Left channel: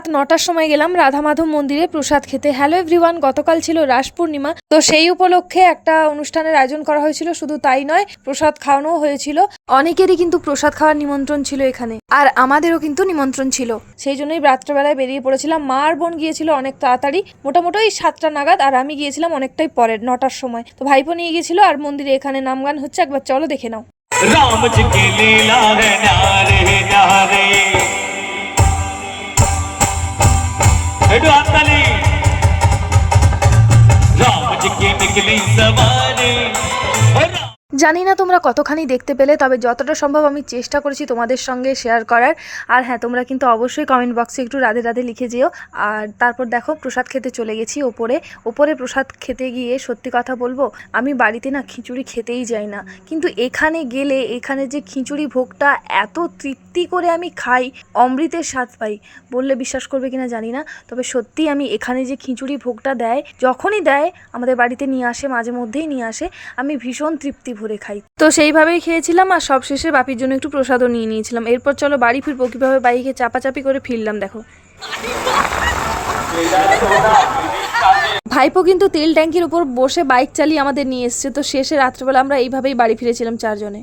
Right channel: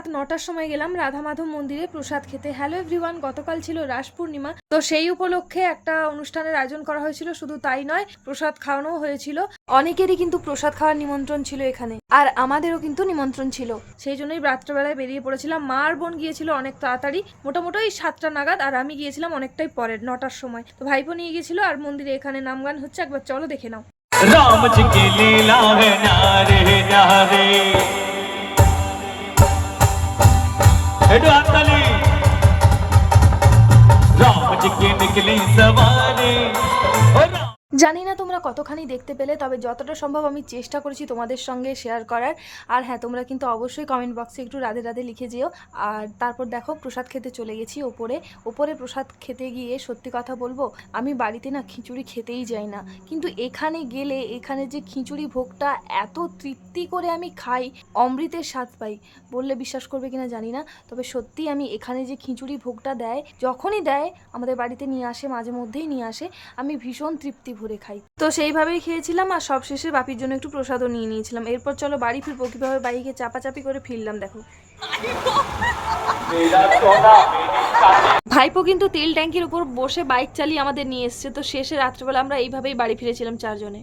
রাত 9টার সময় গেলাম রাধা মাধব মন্দিরে প্রসাদ খেতে। হ্যালো এভরিওয়ান, গতকাল ছিল রাস পূর্ণিমা, তো সেই উপলক্ষে একটা অনুষ্ঠানের আয়োজন করা হয়েছিল। শুধু তাই নয়, প্রসাদ খাওয়ানো হয়েছিল। অনেকেরই কিন্তু প্রসাদ খাওয়ার নিমন্ত্রণ ছিল এখানে, আর আমাদেরও কিন্তু নিমন্ত্রণ ছিল। সেই জন্যই রাত্রেবেলায় বেরিয়ে পড়েছিলাম। মা আর বোন গিয়েছিল অনেক তাড়াতাড়ি, মোটামুটি 7টা নাগাদ, আর আমি গিয়েছিলাম অনেকটাই পরে, 9টার সময়। তো ভাইপো নিয়ে গিয়েছিল, আর মন্দিরে এখানে নাম গান হচ্ছে, একবার চলো দেখে নাও। राम जी की लीला है न्यारे न्यारे राम जी की निकली सवारी। জানি না তোমরা কতখানি দেখতে পেলে, তবে যতটা সম্ভব আমি চেষ্টা করেছি তোমাদের সঙ্গে শেয়ার করার। আর হ্যাঁ, তোমরা কিন্তু অবশ্যই কমেন্ট বক্সে একটু রাধে রাধে লিখে যেও। আর তারপর দেখো, প্রসাদ খেতে চলে গেছি ওপরে প্রসাদ খেতে গিয়ে সত্যি কথা বলবো, আমি বাড়িতে না খিচুড়ি খেতেই যাই না, কিন্তু এখানে গেলে এখানে যে খিচুড়ি ভোগটা এত তৃপ্তি করে আমি খাই, অমৃতের স্বাদ পাই। বললে বিশ্বাস করবে কিনা জানি না, তবে সত্যি আমি এখানে যে খিচুড়ি ভোগটা দেয়, যখনই দেয় আমাদের বাড়িতে নিয়ে আসে, মাঝে মধ্যেই নিয়ে আসে, আমি ভীষণ তৃপ্তি ভরে খাই। তো সেইভাবেই খেয়েছিলাম, আর সবশেষে বাপির জন্য একটু প্রসাদও নিয়ে নিয়েছিলাম। এরপর চলো বাড়ি ফিরবো। কীভাবে বাইকে চাপাচাপি করে ফিরলাম দেখো। ভাইপো কিন্তু তেল ট্যাঙ্কির উপর বসে বাইক চালিয়ে আমাদের নিয়ে এসছে। তো শেষে রাত্রেবেলা আমরা এইভাবেই বাড়ি ফিরেছিলাম 4 জনে।